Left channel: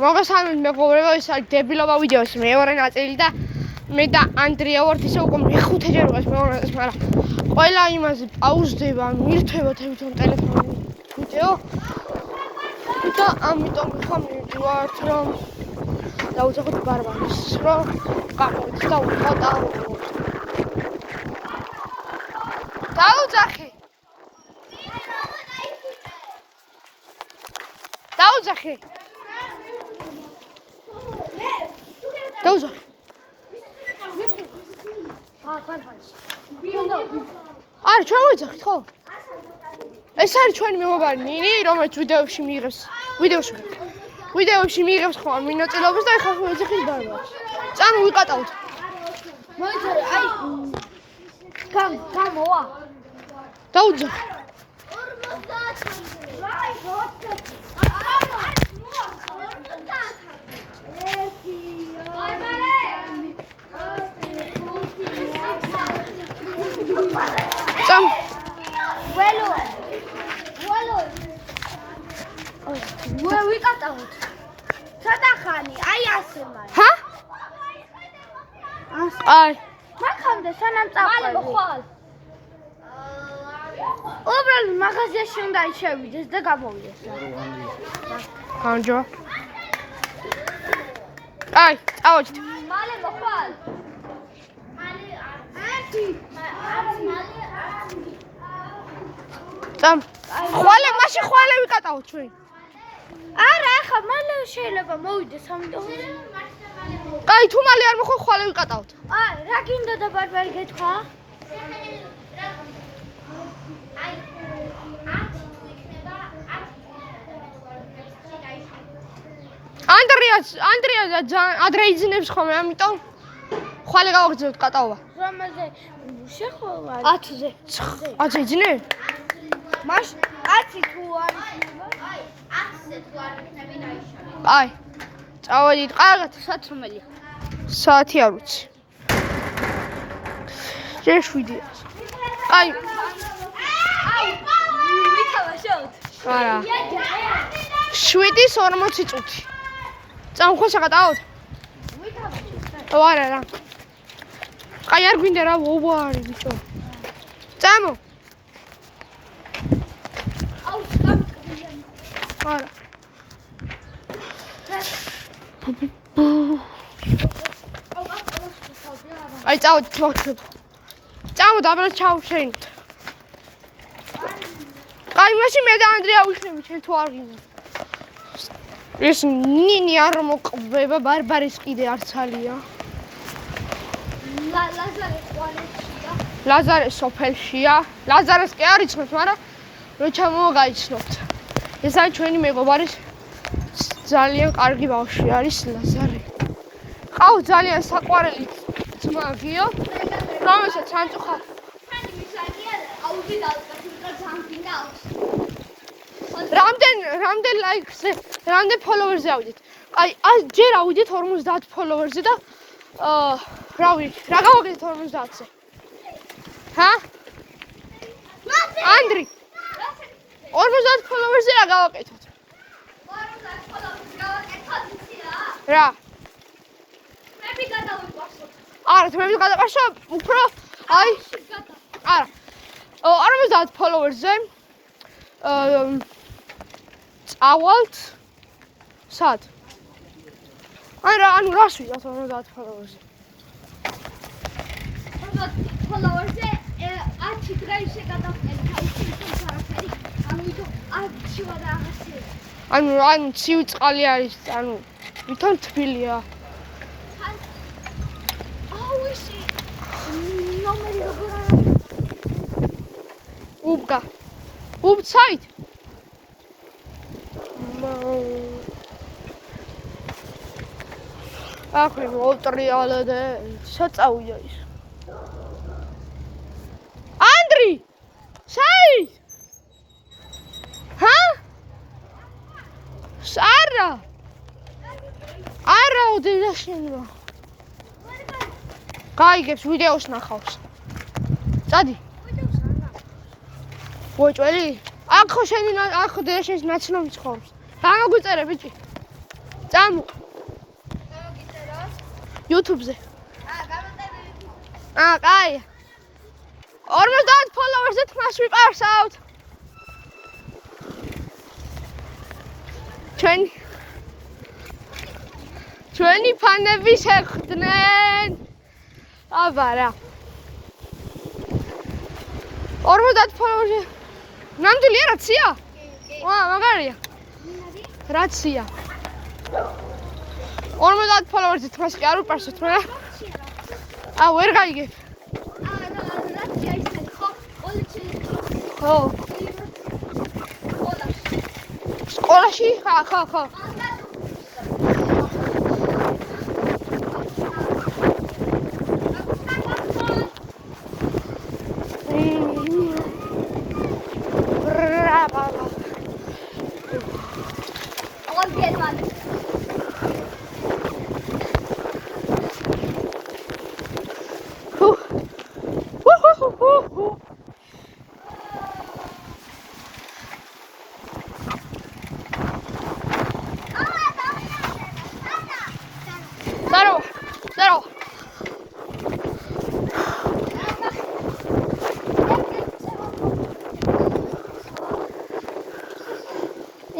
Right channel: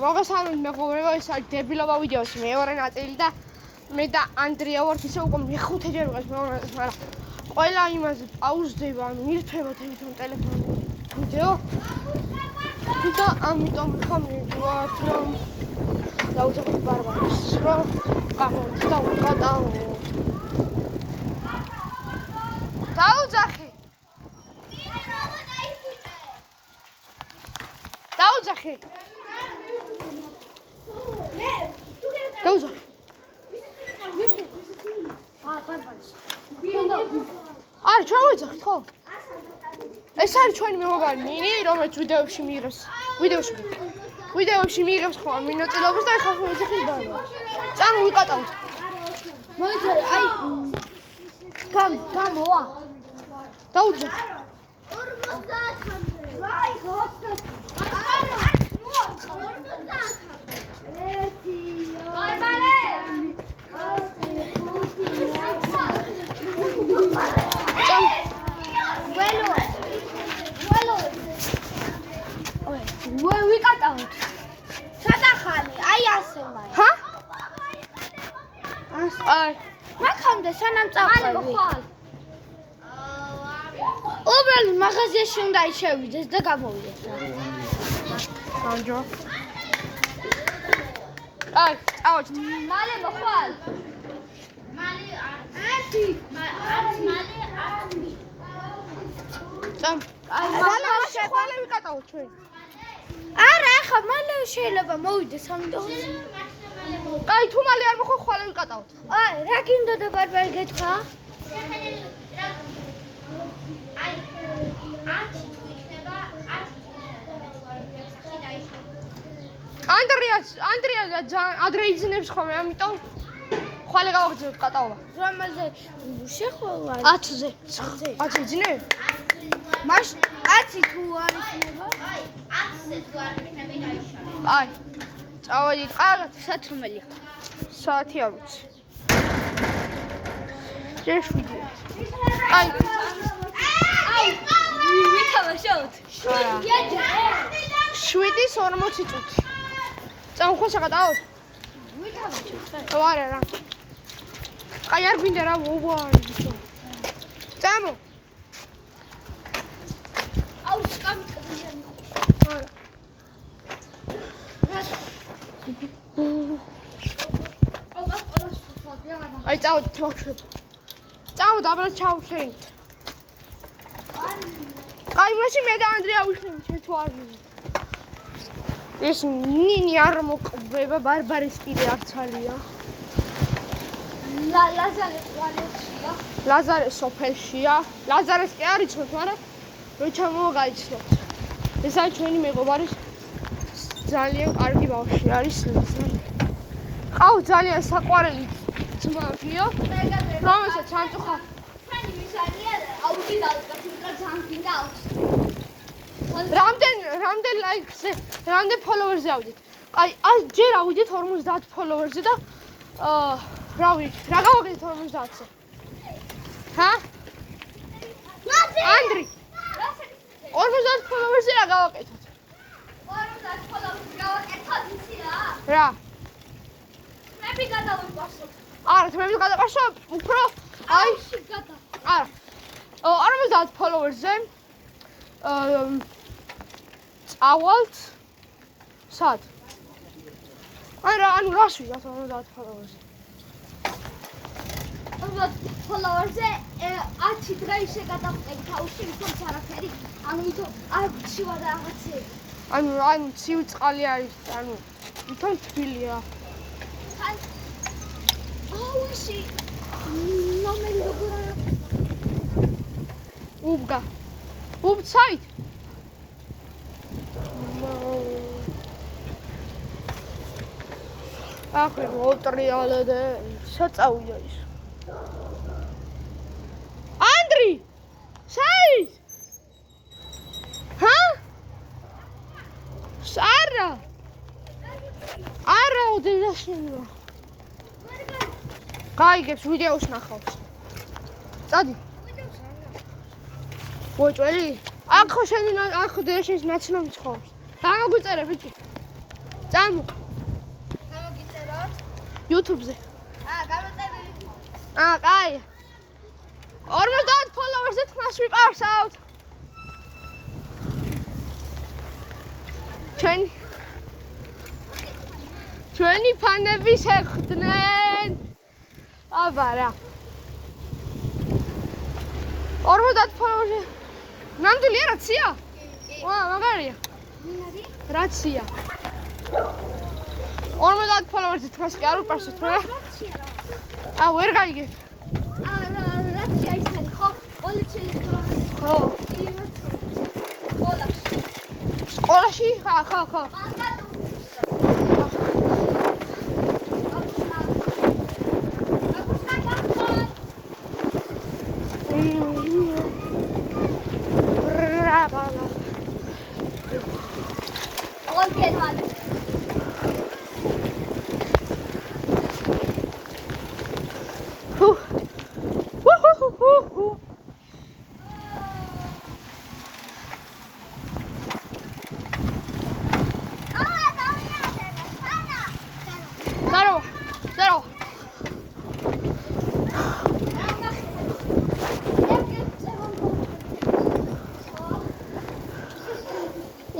მოგესალმებით მეგობრებო, ეს არის დებილობა ვიდეოს მეორე ნაწილი და მე და ანდრია ვართ ისე უკვე მეხუთეჯერ ვიყავს მეორე ნაწილს, მაგრამ ყველა იმაზე პაუზდება, მირთვება თვითონ ტელეფონი ვიდეო. და ამიტომ ვიხამთ რომ დავუძახოთ ბარბარეს, რომ გავიდეთ და ვიყავთ. დავუძახე. დავუძახე. დავუძახე. არა, ჩვენ ვიძახით, ხო? ეს არის ჩვენი მეგობარი ნინი, რომელიც ვიდეოში მიიღებს ხოლმე მინაწილეობას და ეხლა ვიძახით ბარბარეს. წამო ვიყატავთ. მოიწერე, აი გამოვა. დავუძახე. 50-მდე. ვიკატავთ. სადახანი, აი ასე მაინც. ჰა? აი, მაგამდე სანამ წაყვე ხვალ. უბრალოდ მაღაზიაში უნდა შევიდეს და გამოვიდეს. განჯო. აი, წავედით. მალე მოხვალ. წამ. ხვალე ვიკატავთ ჩვენ. არა, ახლა მალე შეიძლება მოვიდეს ამიტომ. აი, თუ მალე არ მოხვალ, ხვალე ვიკატავთ. აი, რა გინდა და ბარბარე გეთქვა? ანდრია ადრე იძინებს ხოლმე, ამიტომ ხვალე გავაგზავნოთ კატაობა. რომელზე შეხვალა? 10-ზე. 10-ზე იძინებ? მაშინ 10 თუ არ იქნება? აი, 10-ზე თუ არ იქნება დაიშალა. აი, წავედით. კარგად, საათ რომელია? საათი არ ვიცი. ჯერ 7-ია. აი, ვითამაშოთ. არა. 7:40 წუთი. წამხო შეგატავთ? ვითამაშოთ. არა რა. აი არ გვინდა რა ვოვარი ბიჭო. წამო. აუ, გამწევია. არა. აი წავდით. წამო დაბლა ჩავშენით. აი მაშინ მე და ანდრია ვიხდებით, შენ თუ არ გინდა. ეს ნინი არ მოყვება, ბარბარეს კიდე არცალია. ლაზარე ყვანეთია. ლაზარე სოფელშია. ლაზარეს კი არ იცნობთ, მაგრამ მე ჩამოვაგაიცნობთ. ეს არის ჩვენი მეგობარის ძალიან კარგი ბავშვი არის ლაზარე. ყავს ძალიან საყვარელი ძმა გიო, რომელსაც ანწუხა. ფანი მისანია, აუდიტალს ძალიან გინდა აქვს. რამდენ ლაიქზე, რამდენ ფოლოვერზე ავიდეთ? აი, ჯერ ავიდეთ 50 ფოლოვერზე და რა ვიცი, რა გავაკეთეთ 50-ზე? ჰა? ანდრი. 50 ფოლოვერზე რა გავაკეთოთ? 50 ფოლოვერზე გავაკეთოთ იცი რა? რა? მე გადავიყვასო. არა, თმები გადაყაშო, უფრო აი, არა. 50 ფოლოვერზე წავალთ სად? არა, ანუ რას ვიღაც 50 ფოლოვერზე? 50 ფოლოვერზე 10 დღეში გადავყევი თავში ისე არაფერი. ამიტომ არჩივა და აღაცე. ანუ ცივი წყალი არის, ანუ ვითომ თბილია. აუ ისი ნომერი როგორ არის? უბგა. უბცაით? ახრე მოტრიალე და საწავია ის. ანდრი! საით? ჰა? არა! არა უდენაშენო. გაიგებს ვიდეოს ნახავს. წადი. ვიჭველი? ახო შენი ახო დედაშენის ნაცნობი ცხოვრობს. გამოგიწერე ბიჭი. წამო გამოგიწერო? YouTube-ზე. გამოწერე. კაი. 50 ფოლოვერსზე თმას ვიყავსავთ. ჩვენი ფანები შეხვდნენ. აბა რა. 50 ფოლოვერსზე. ნამდვილია რაცია? მაგარია. რაცია. 50 ფოლოვერსზე თმას კი არ უპარსოთ მე. ვერ გაიგებ. რაცია ისეთი ხო? ხო. სკოლაში? ხო.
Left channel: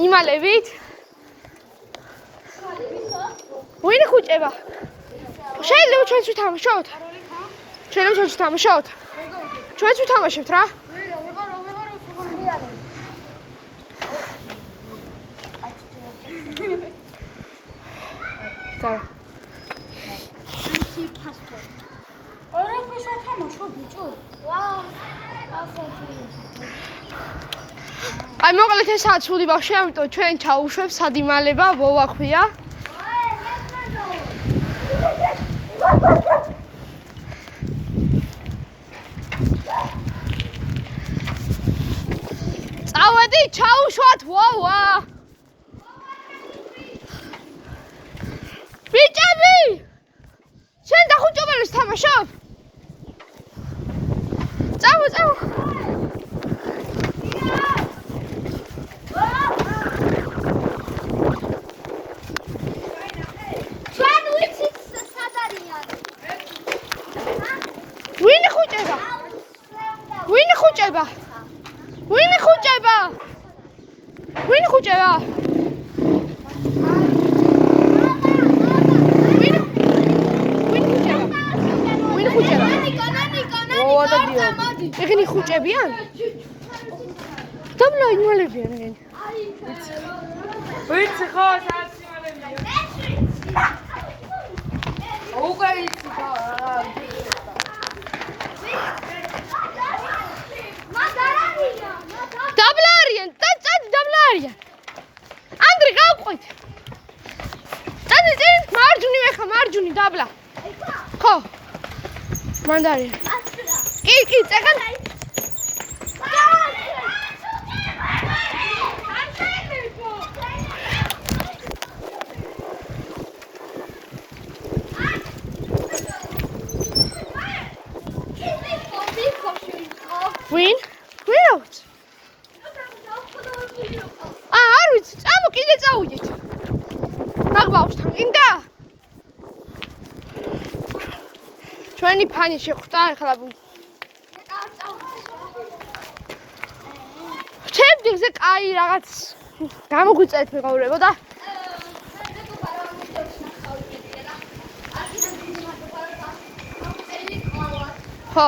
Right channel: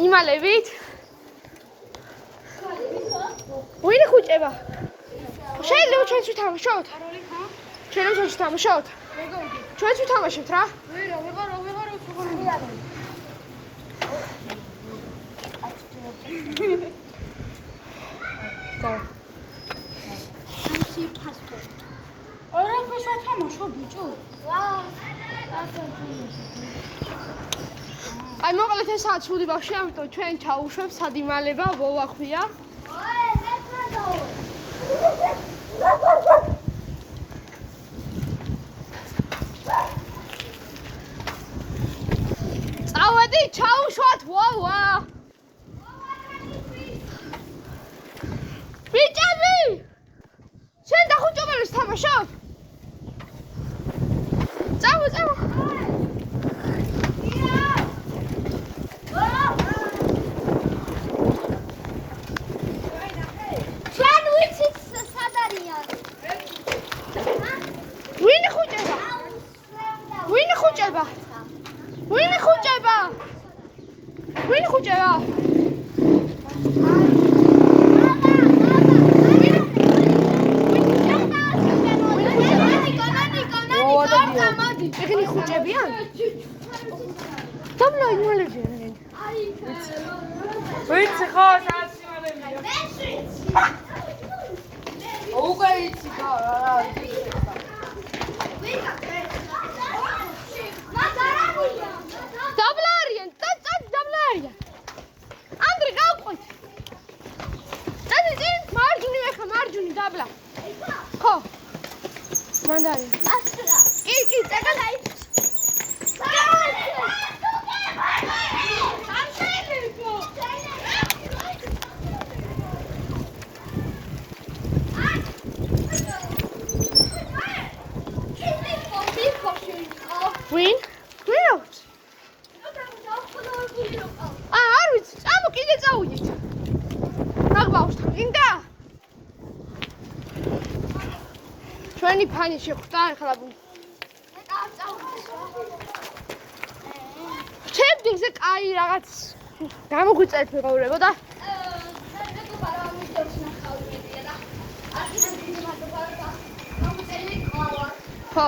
იმალებით? ვინ ხუჭება? შეიძლება ჩვენც ვთამაშოთ? ჩვენც ვთამაშოთ? ჩვენც ვთამაშებთ რა? აი მოკლედ ესაა ცუდი ბავშვი, ამიტომ ჩვენ ჩაუშვებს სადიმალება, მოვახვია. წავედი, ჩაუშვათ, ვავა. ბიჭები! შენ და ხუჭობელს თამაშობ? წავო. ვინ ხუჭება? ეგენი ხუჭებიან? დაბლა იმალებიან ეგენი. ვიცი ხო, საჩვენებია. უკვე ვიცი ხო, რა. დაბლა არიან, დაბლა არიან. ანდრე გავყვით. წინ, მარჯვნივ დაბლა. ხო. მანდარია. კი, წეგან. Win? Wheels. არ ვიცი, წამო კიდე წავიდეთ. მაგბავშვთან გინდა? ჩვენი ფანი შეხვდა ახლა. ჩემს კაი რაღაც გამოგვიწერეთ მეგობრებო და ხო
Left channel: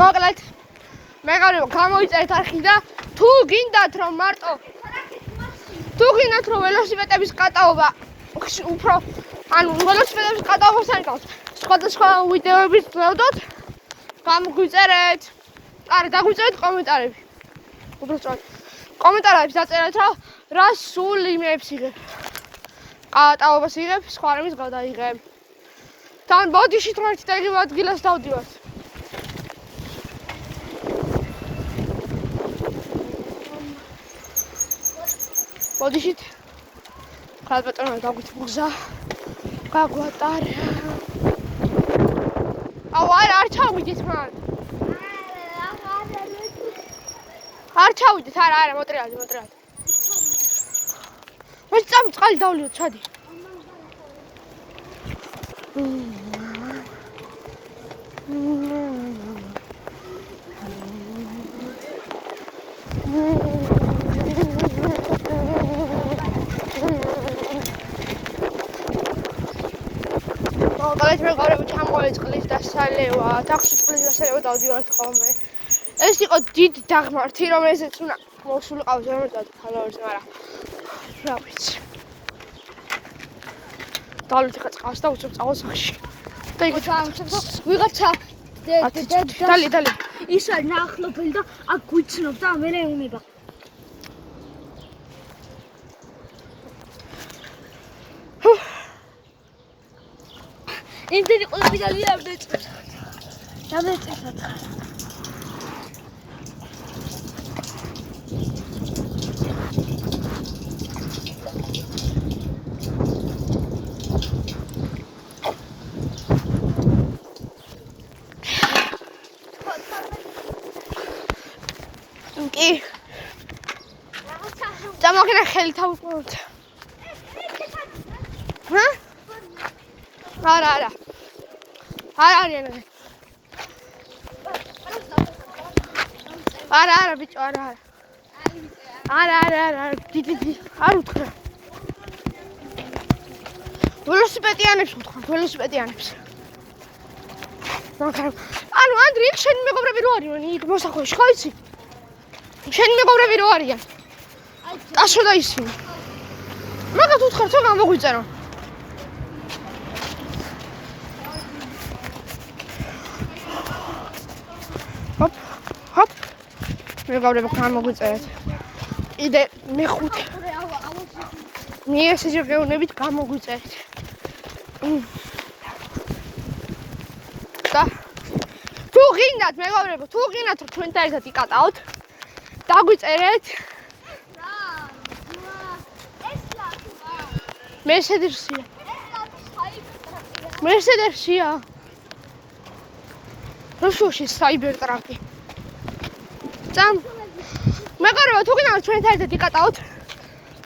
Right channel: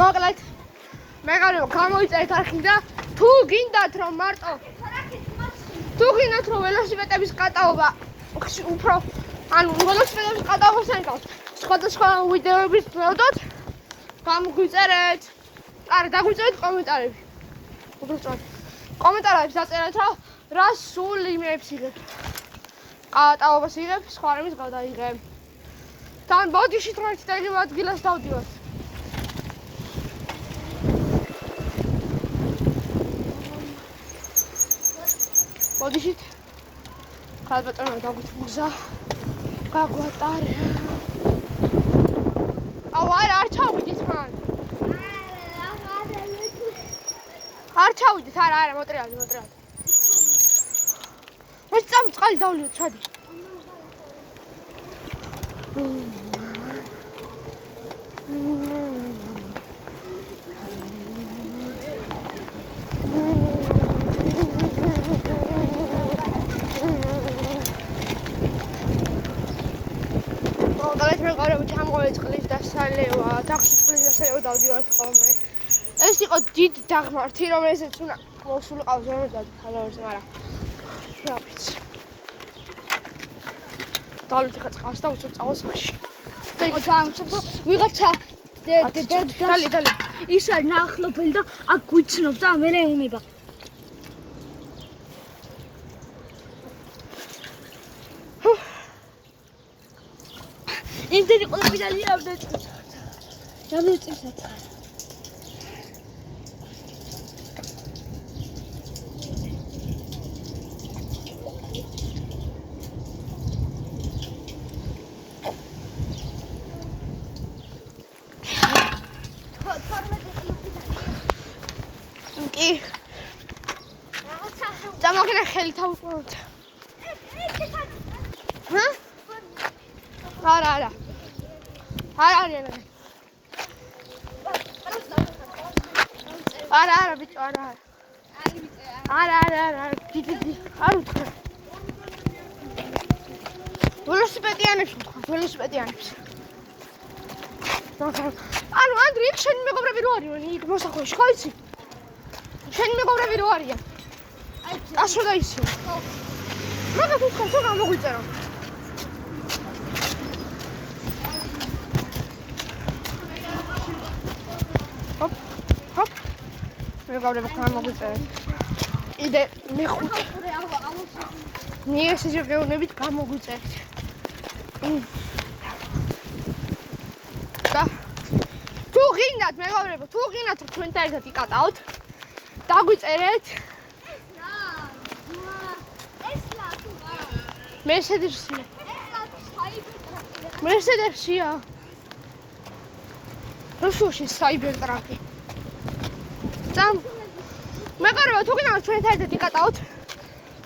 მოკლედ მეგობრებო გამოიწერეთ არხი და თუ გინდათ რომ მარტო თუ გინდათ რომ ველოსიპედების კატაობა უფრო ანუ ველოსიპედების კატაობას აიკავოთ სხვადასხვა ვიდეოების ვლოდოთ გამოგვიწერეთ არა დაგვიწერეთ კომენტარები უბრალოდ კომენტარებში დაწერეთ რომ რა სულ იმებს იღებ კატაობას იღებ სხვა რამის გადაიღებ თან ბოდიში თროით და იგივე ადგილას დავდივართ ბოდიშით ხალბატონმა გაგვიწყდა გაგვატარა არა, მოტრიალდი. ეს წამი წყალი დავლიო, ჩადი. მეგობრებო, ჩამოეწყლის დასალევა, დახსნის დასალევა დავდივართ ხოლმე. ეს იყო დიდი დაღმართი, რომელზეც უნდა მოსულიყავ ზემოდად ქალავერს, მაგრამ რა ვიცი. დავით ხა წყალს და უცებ წავალ სახში. და იქ ვიღაცა დალი. ის არის ნახლობელი და აქ გვიცნობს და მე მეუნება. იმდენი ყველაფერი დამეწესოთ. კი. დამოგენა ხელი თავუყუროთ. ჰა? არა. არა, ბიჭო, არა. არა, დიდი. არ უთხრა. ველოსიპედიანებს უთხრა, ველოსიპედიანებს. ანუ ანდრი, იქ შენი მეგობრები რო არიან, იქ მოსახვეში, ხო იცი? შენი მეგობრები რო არიან? კაშო და ისინი. მაგათ უთხრა, თუ გამოგვიწერო. ჰოპ. მეგობრები გამოგვიწერეთ. იდე მეხუთე. მიესე შეგვეუნებით გამოგვიწერეთ. და თუ გინდათ მეგობრებო, თუ გინდათ რომ ჩვენთან ერთად იკატაოთ, დაგვიწერეთ. მერსედესია. რუსულში საიბერტრაფი. წამ. მეგობრებო, თუ გინდათ ჩვენთან ერთად იკატაოთ,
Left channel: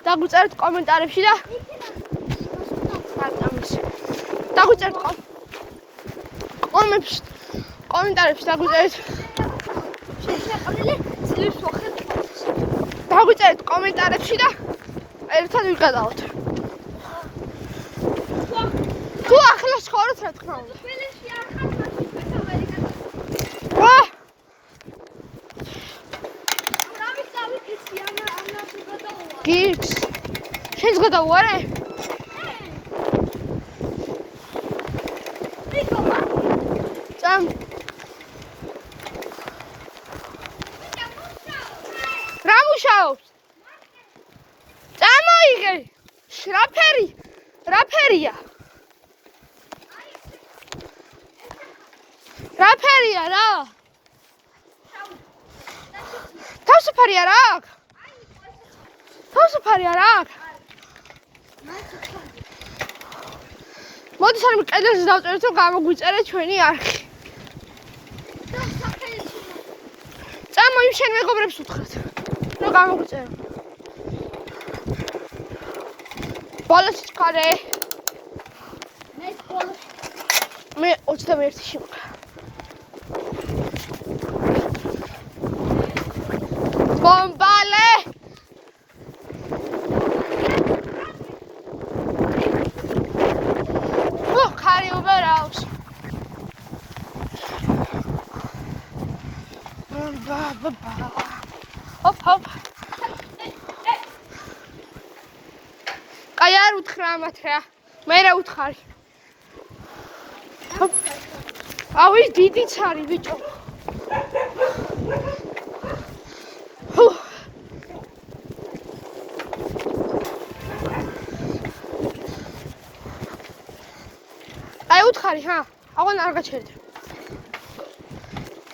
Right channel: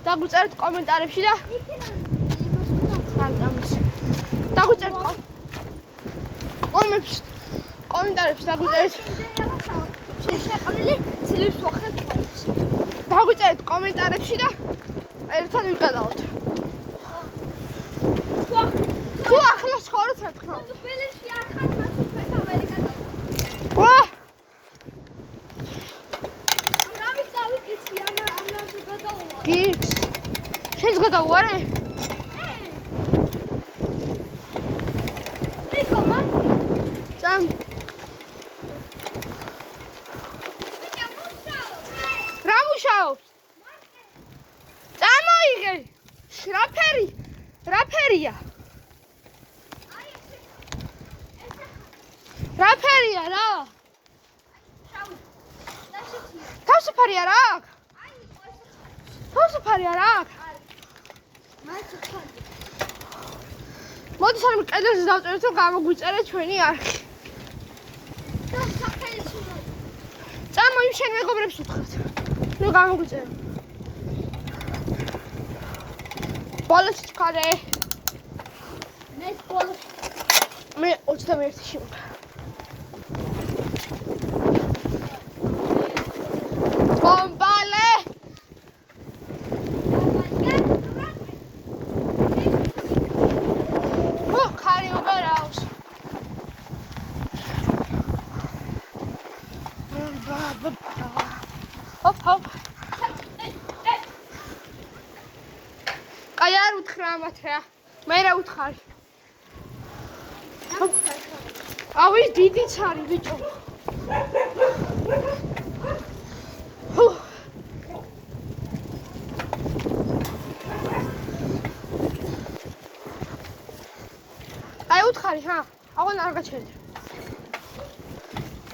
დაგვიწერეთ კომენტარებში და დაგვიწერეთ კომენტარებში დაგვიწერეთ. დაგვიწერეთ კომენტარებში და ერთად ვიკატავთ. თუ ახლა შეხოროთ რა თქმა უნდა. გიქს. შენს გადავუარე? წამ. რა მუშაობს? წამოიღე. რა ფერია? რა ფერია რა? თავსაფარია რა? თავსაფარია რა? მოდი სანამ კედელზე დავწერეთ, რომ გამოგვიწერეთ ჩვენი არხი. წამო იმ შენ მეგობრებს უთხრათ, რომ გამოგვიწერეთ. ბოლოს ჩქარე. მე 21-ში ვარ. ბომბალე. ხარი უბერავს. ჰოპ. კაი არ უთხრა ამათ რა. მე რა უთხარი? ავი დიდიც არის ბიჭო. აი უთხარი ხა? აღარ არ გაჩერდი.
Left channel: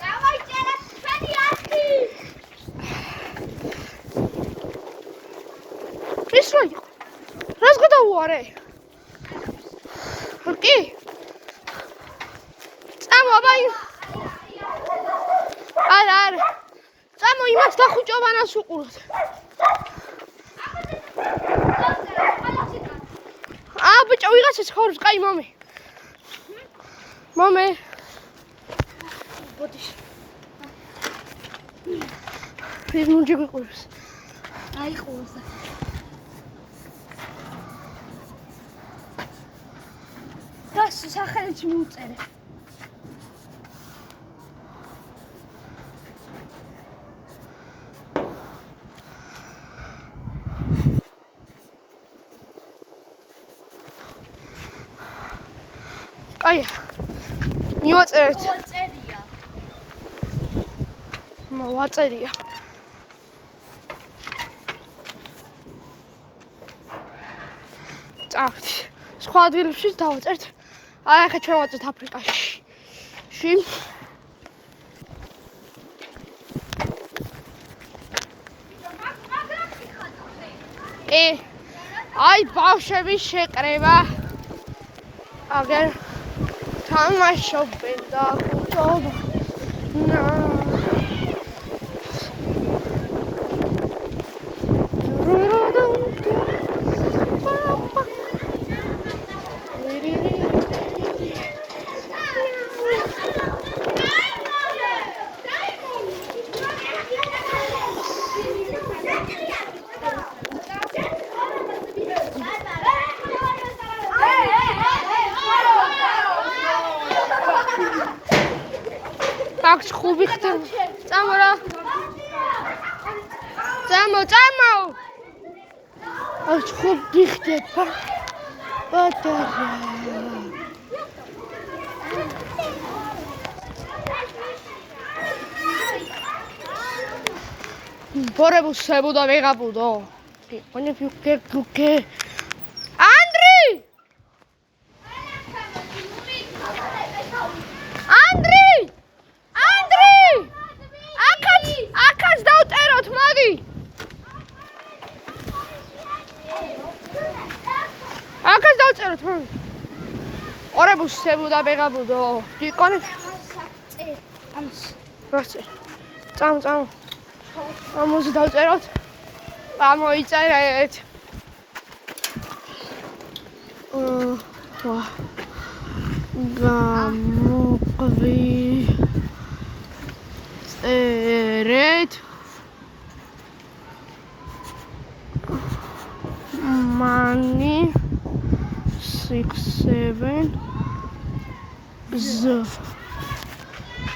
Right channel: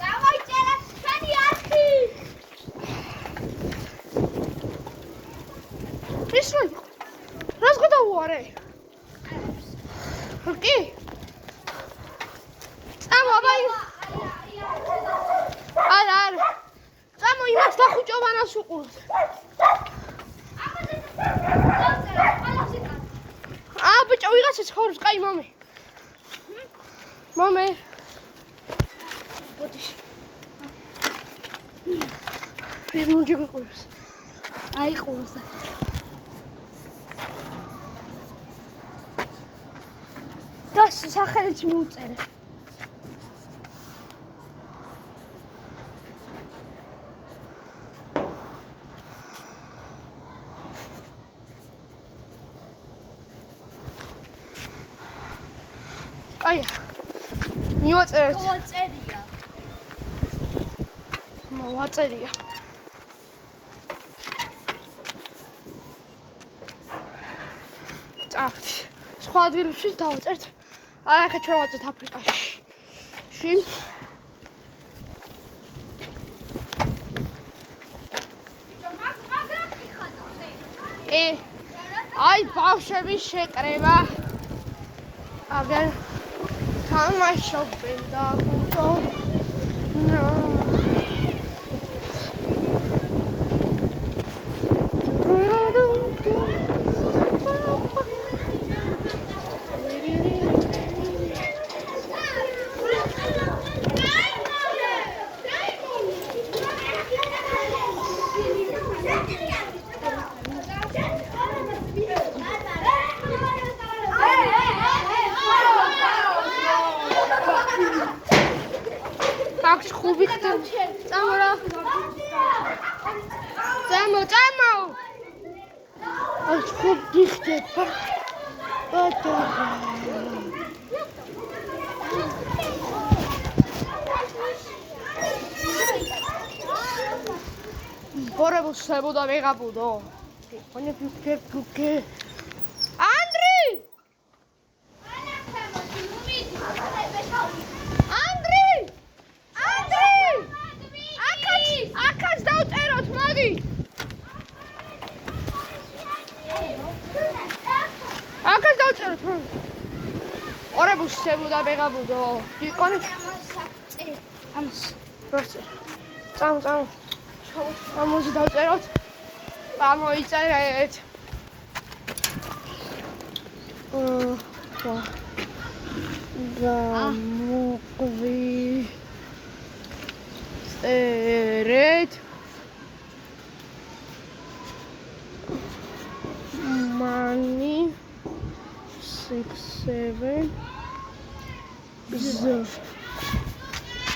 დავაიწერეთ ჩვენი არხი. ის რას გადავუარე? კი? წამო, აბა არა. წამო იმას დახუჭო, მანამ ყველას უყუროთ. ბიჭო, ვიღაცა ცხოვრობს, კაი მომე. მომე. ბოდიშ. ეს მუნჯი გიყურებს. აი ყურს. გას სახელიც მიუწერე. აი. მივაწერეთ. მოწერია. მოვაწერია. წავით. სხვა ადგილებში დავაწერთ. აი ახლა ჩვენ ვაწერთ აფრიკაში. შინ აი ბავშვების შეკრება. აგერ თამაშობენ და აქვს ხუბი ხდება. წამო რა. წამო. აქვს ხუბი ხდება. Borrebus sebuda vegabudo. Ogni più che. Andri! Akats დავწეროთ, მოდი. Akats დავწეროთ. Borrebus sebuda vegabudo. Ikone. ამს. როცა. წამ. ამოზე დავწეროთ. გამოიწერეთ. წერეთ. Money 6-7 z.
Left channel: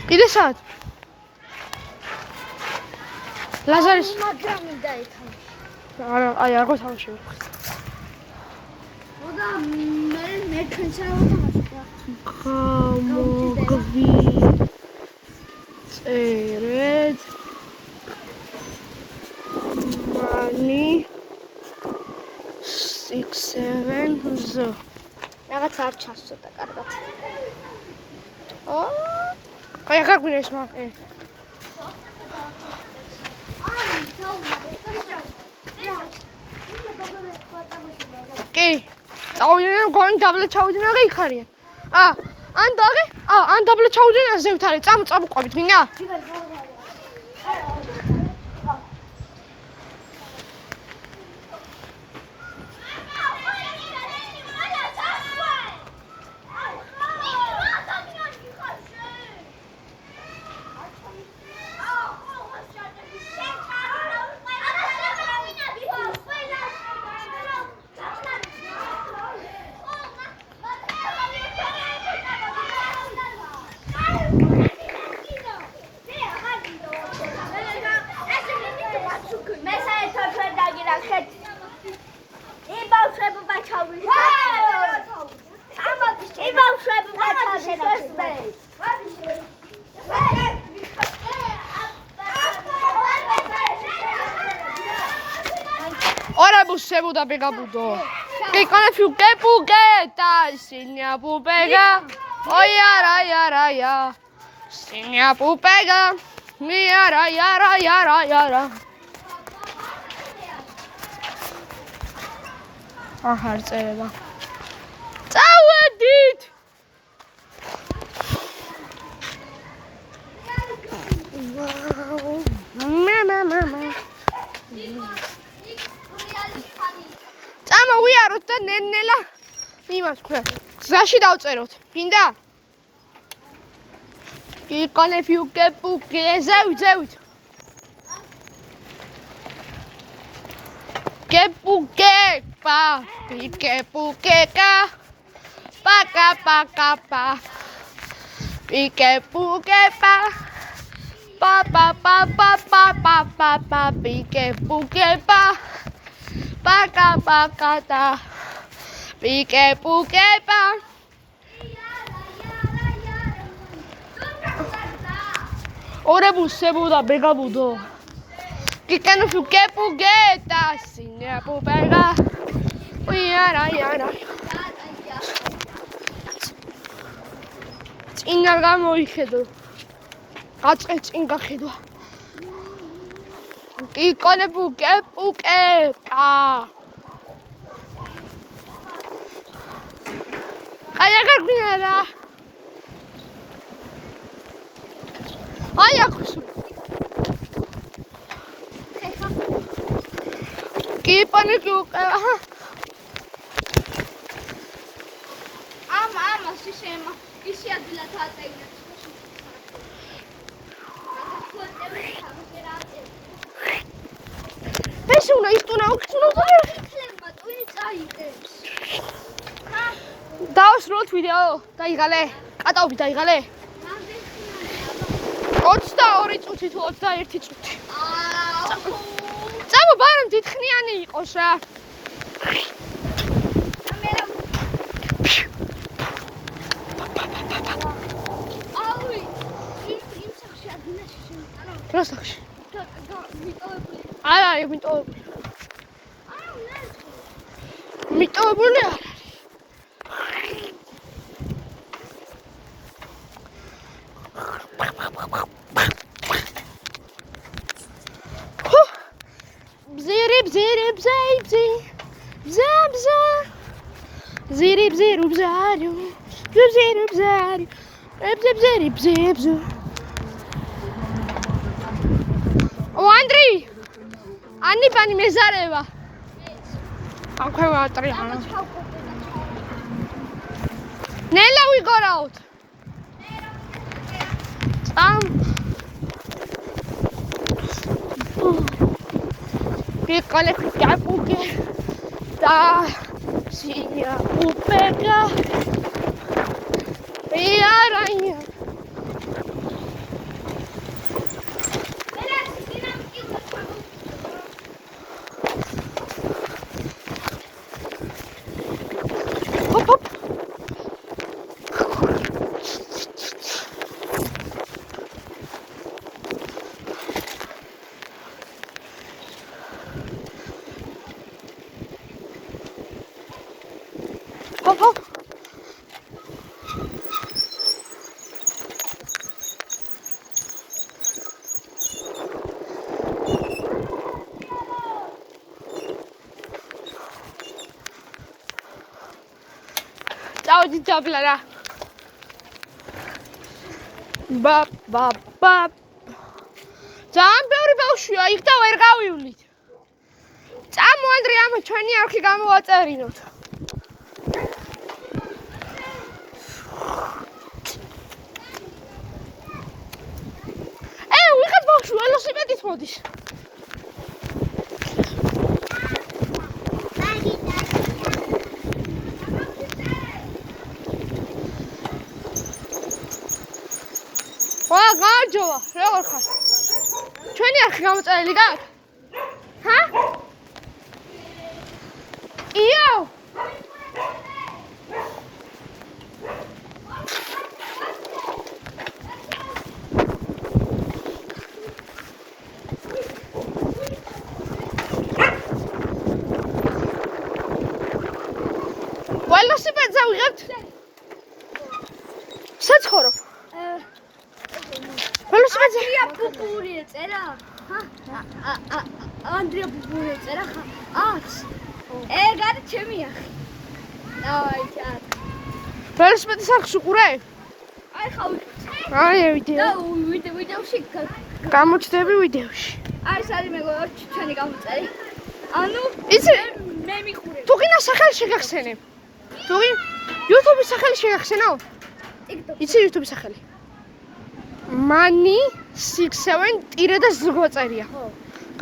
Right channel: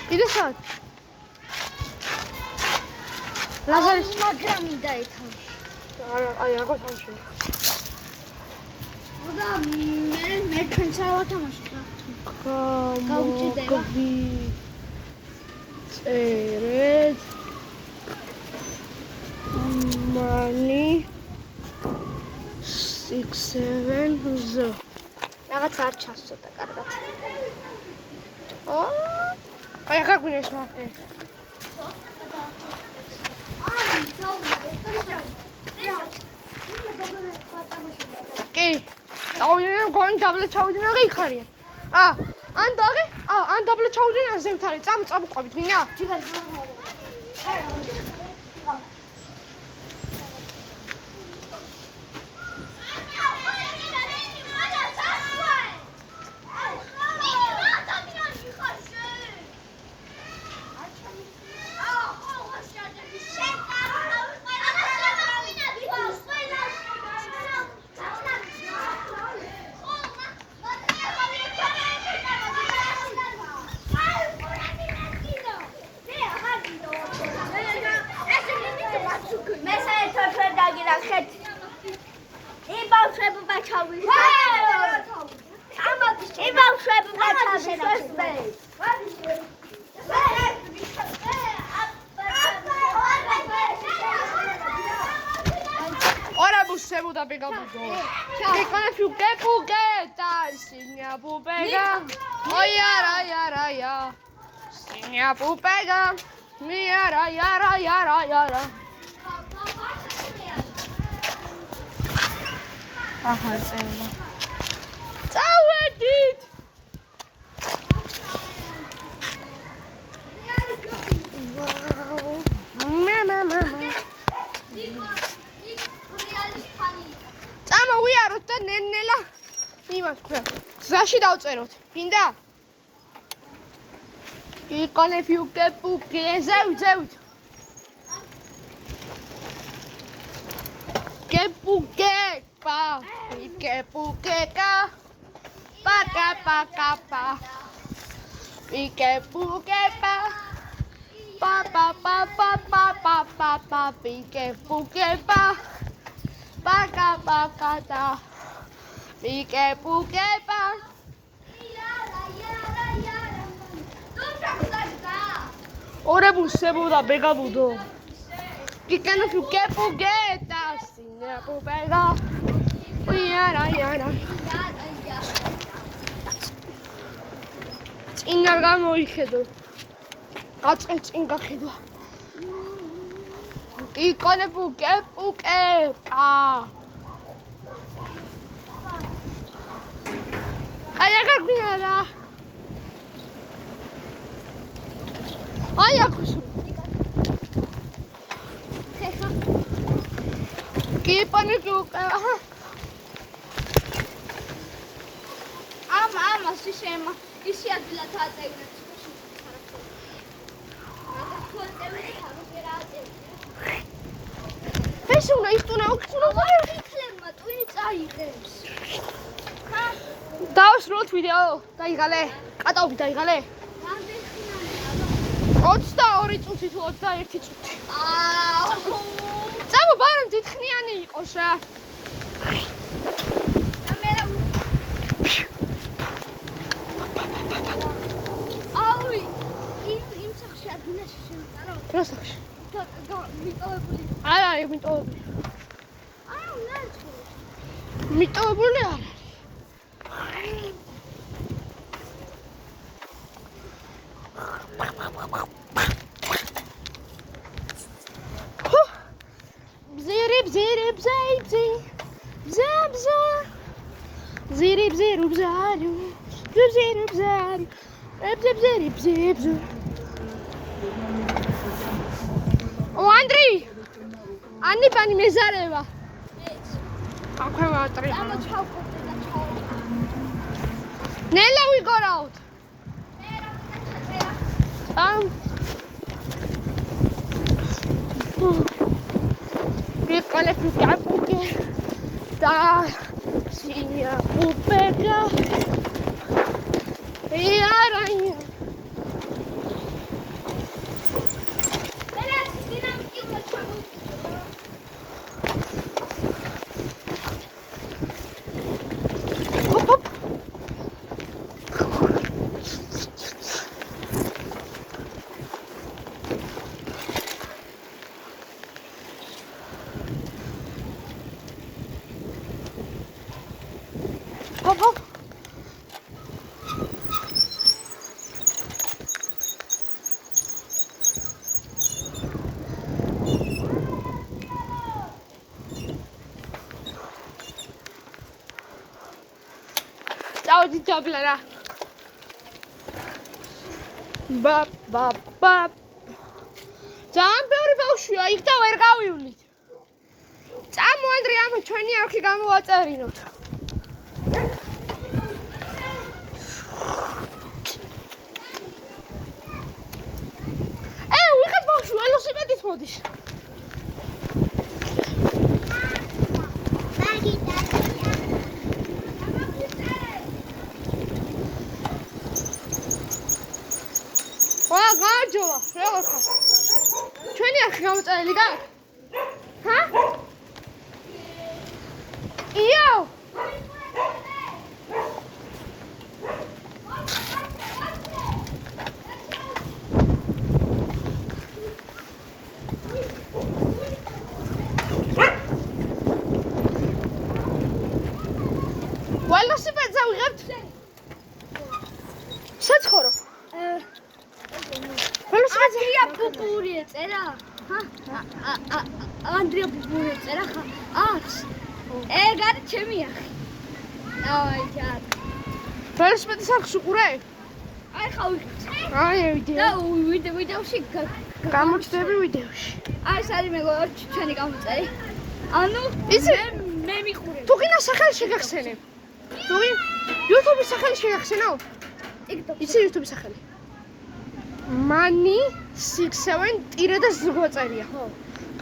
კიდე საათ? ლაზარის მაგრამი დაეთამაშა. არა, აი აღო თამაში. და მე ჩვენც ავთამაშა. გამოგვი წერეთ. Money 6-7 z. რაღაც არ ჩასწოდა კარგად. აი ახლა გვინეს მაგე. კი. წავიდნენ გონი დაბლა ჩავიდნენ და იქარიან. ან დაღე? ან დაბლა ჩავიდნენ ასე ვთარე. წამოყვებით ვინა? Ora bussevo da pegabudo. Che con più che pughetta, signa pupega. Oia ra. Signa pupega. Mia ra. Aha, წერება. წავედით. მამა. მაშინ დავწეროთ. მინდა? იკონე ფიუკე პუკე ზევით. Kepuke pa, pikepuke ka, paka paka pa, pikepuke pa, pa pa pa pa pa pa pa pa, pikepuke pa, paka paka ta, pikepuke pa. Ora busse buda bega budo. Que no fique pugueta, sin a pupega. Yara. Inga moihedo. Inga hedo. Que con el pugueta. Ay, agarrada. Ay, agarrada. Keep on the cook. Ama, sistema. Isi adla tata ina. ეს უნდა იხტუნა. იქნება ტვინი წაიღებს. დავსრულოთ ვიდეო. დაიღალე. კატაობი დაიღალე. 22 წუთი თუ 21 წუთი. წამო ბარემ დიდხნიანი იყოს რა. Красавчик. Ай, მიტოვებული. მიტოვებული არა. O Andrei! Anni pani mezareva. Akwai ვატრი. Nella we got out. Piccole cucchiaiuche da signa pupega via ragna. Ciao di Clara. Ba. ძალიან ბევრი ბავშვია, იქ და ვერ გავივლით. წამო ანდრე, ამა ჩვენი არხი გამოვაწერინოთ. ვიღაც ბავშვი ველოსიპედით მოდის. გააჯოვა, როგორ ხარ? ჩვენი არხი გამოწერილი გაქვს? ჰა? იო! ველოსიპედზე ვიღებთ? საცხოვრობ. Andrea Pupuri წერა? ჰა? Andrea Pupuri წერა ხა? აქვს. ეგ არის ჩემი ახი. დავაი ჩარ. ველოსიპედის არხს უყურებ? აი ხა ვიკეთე. აი ვიდეო. და ვიდეოში გამოჩნდები ვიდეოში. აი ეს არის მეგობრებო ჩვენი გამოცერი. ანუ იცი მე მიყურებ. თუ გინდა სახელი შეგახსენებ. თუი YouTube-ის სახელი შეახსენო? TikTok. იცი YouTube-ის სახელი? Money 67 ტირე და ზღვა წერია. ხო.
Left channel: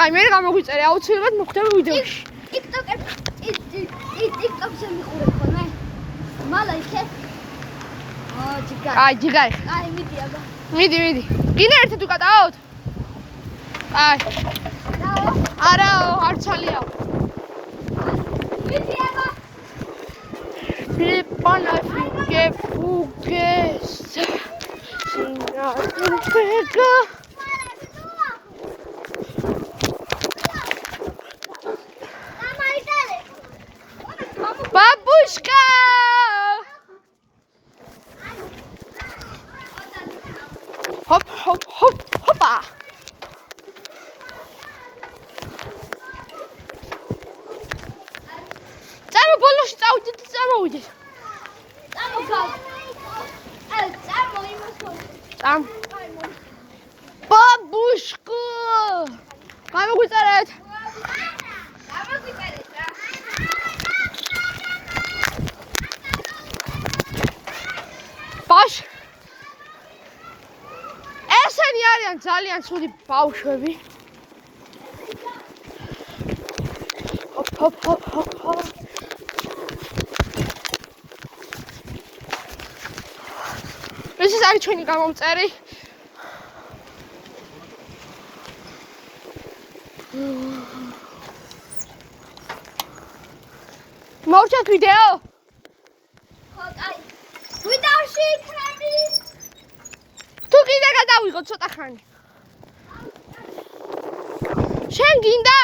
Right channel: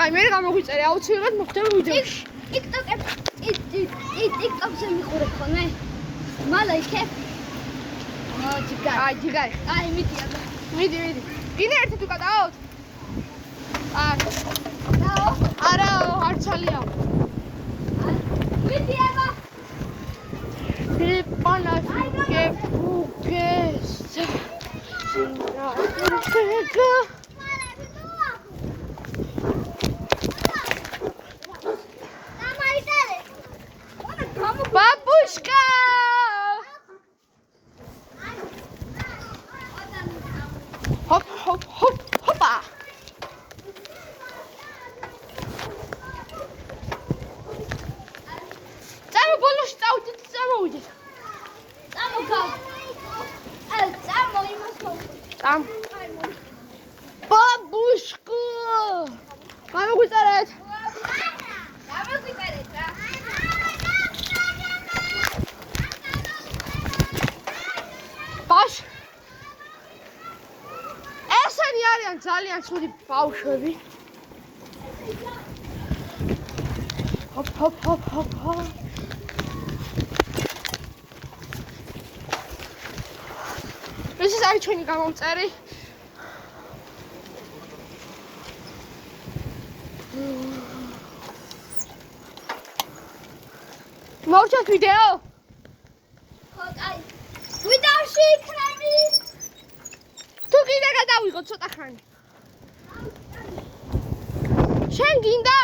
აი მე გამოგვიწერე აუცილებლად მოხდება ვიდეოში. TikTok-ზე მიყურებ ხოლმე? მალა იქე? ჯიგარი. აი ჯიგარი. აი მიდი აბა. მიდი. კიდე ერთი თუ გადავთ? აი. დაო. არაო, არ ცალიაო. მიდი აბა. Pipana que fugues. Singa pega. Babushka. Hop hop hop hoppa. Წამო ბოლოში წავიდეთ, წამოვიდეთ. Там. Бабушка! Გამოგვიწერეთ. ბაშ. ესენი არიან ძალიან ცუდი ბავშვები. ჰოპ ჰოპ ჰოპ ჰოპ ჰოპ. ეს არის ჩვენი გამომწერი. მოვჩათ ვიდეო? ხო, აი. ვიდეოში იქნები. თუ კიდე გადავიღო ცოტა ხანი. შენ გინდა?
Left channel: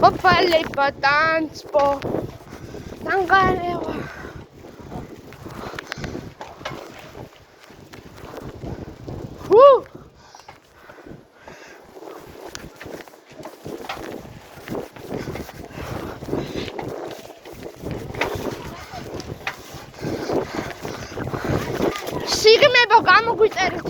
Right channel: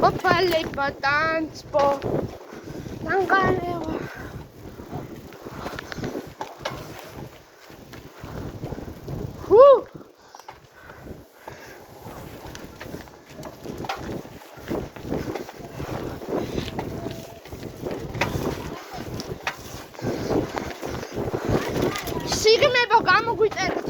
Papale patanspo. Nangalewa. Woo! Sigmebo გამოგვიწერეთ.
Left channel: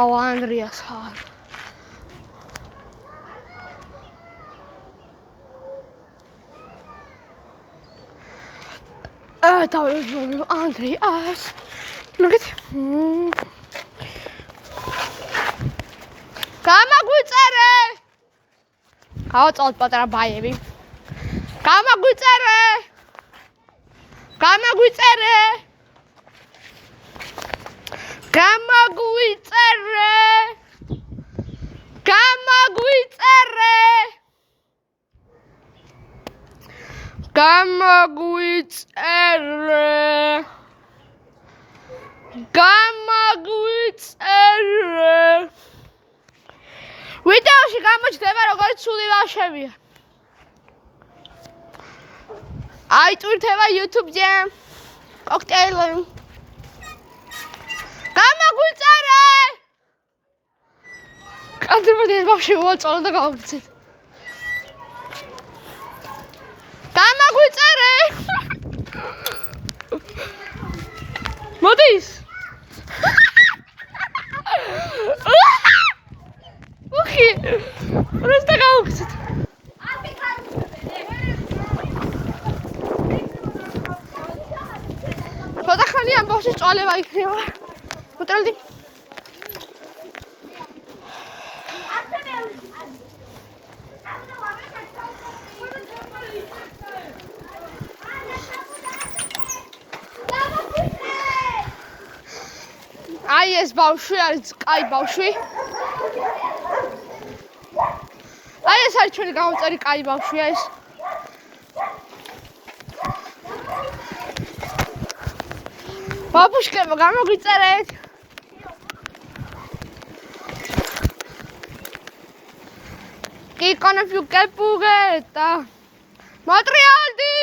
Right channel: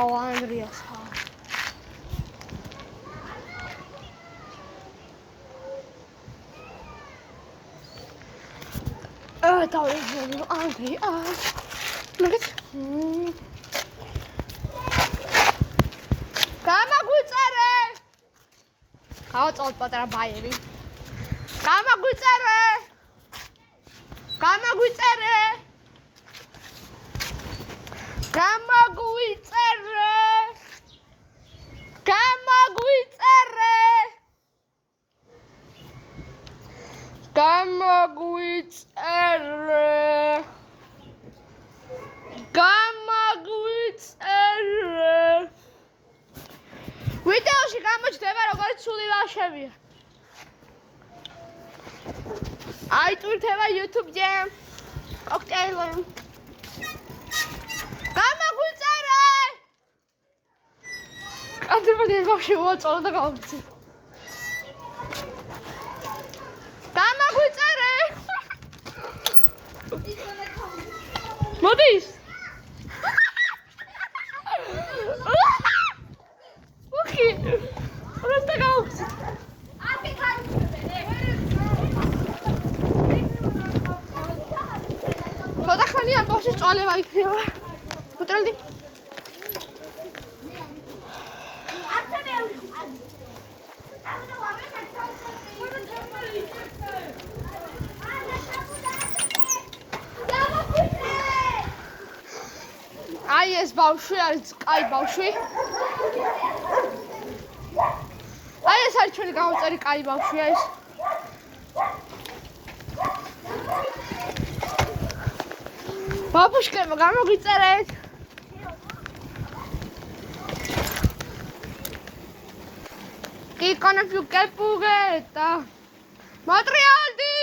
Oh, Andreas haar. Dat is Andreas. Look at. Kamagutsare. Houdt al wat erbij, baby. Kamagutsare. Kamagutsare. Kamaguitsere. Kamaguitsere. Kamaguitsere. Kamaguitsere. ვიდეოში გამოჩნდება როგორც სული ვაშებია. აი ტვირთება YouTube-ზე. ოქტეილენ. კადრები ბავშვი უაწოლა და გავიქცეთ. დამაგვიწერე. მოდის. უხი. როცა გავიქცეთ. ხოდა ხანი ამ ბავშვის წვალება იქნება. უტრალდი. აი ეს ბავშვი არის კაი ბავშვი. აი ეს არის ჩვენი გამომწერი კაი ბავშვია ეს. ბაბუშკებო გამოგიწერეთ. კი კონფიუ კეპუგეტა. მატრიალდი.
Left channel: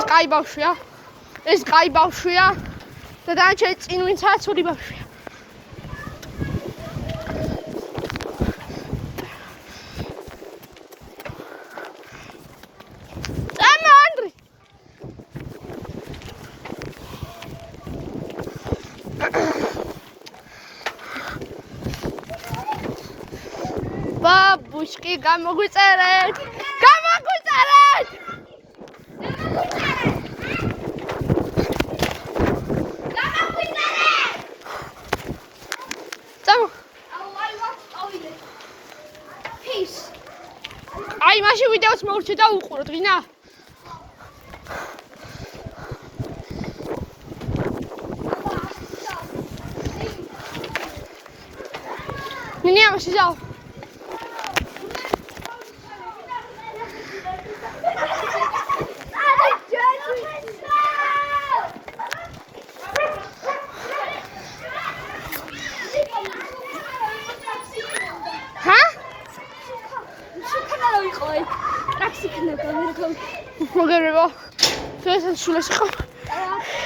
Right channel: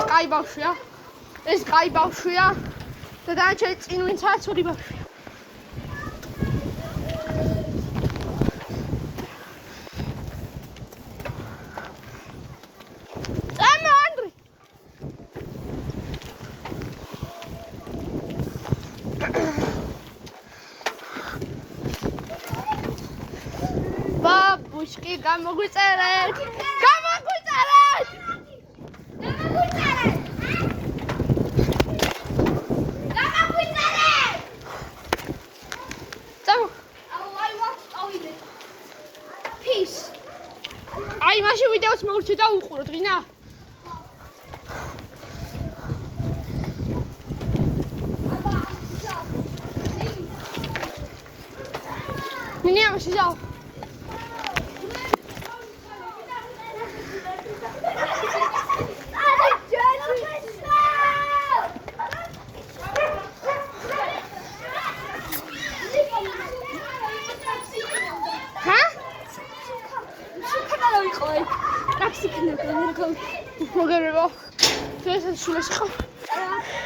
ეს კაი ბავშვია. ეს კაი ბავშვია. და დანარჩენი წინ ვინცაა ცუდი ბავშვია. ამა ანდრი. ბაბუშკი გამოგვიწერეთ. გამოგვიწერეთ. აი მაშინ ვიდეოს მოვურჩე და უყუროთ ვინა. ნინი ამაში যাও. მოგერება. თუ ეს შულაში ხარ.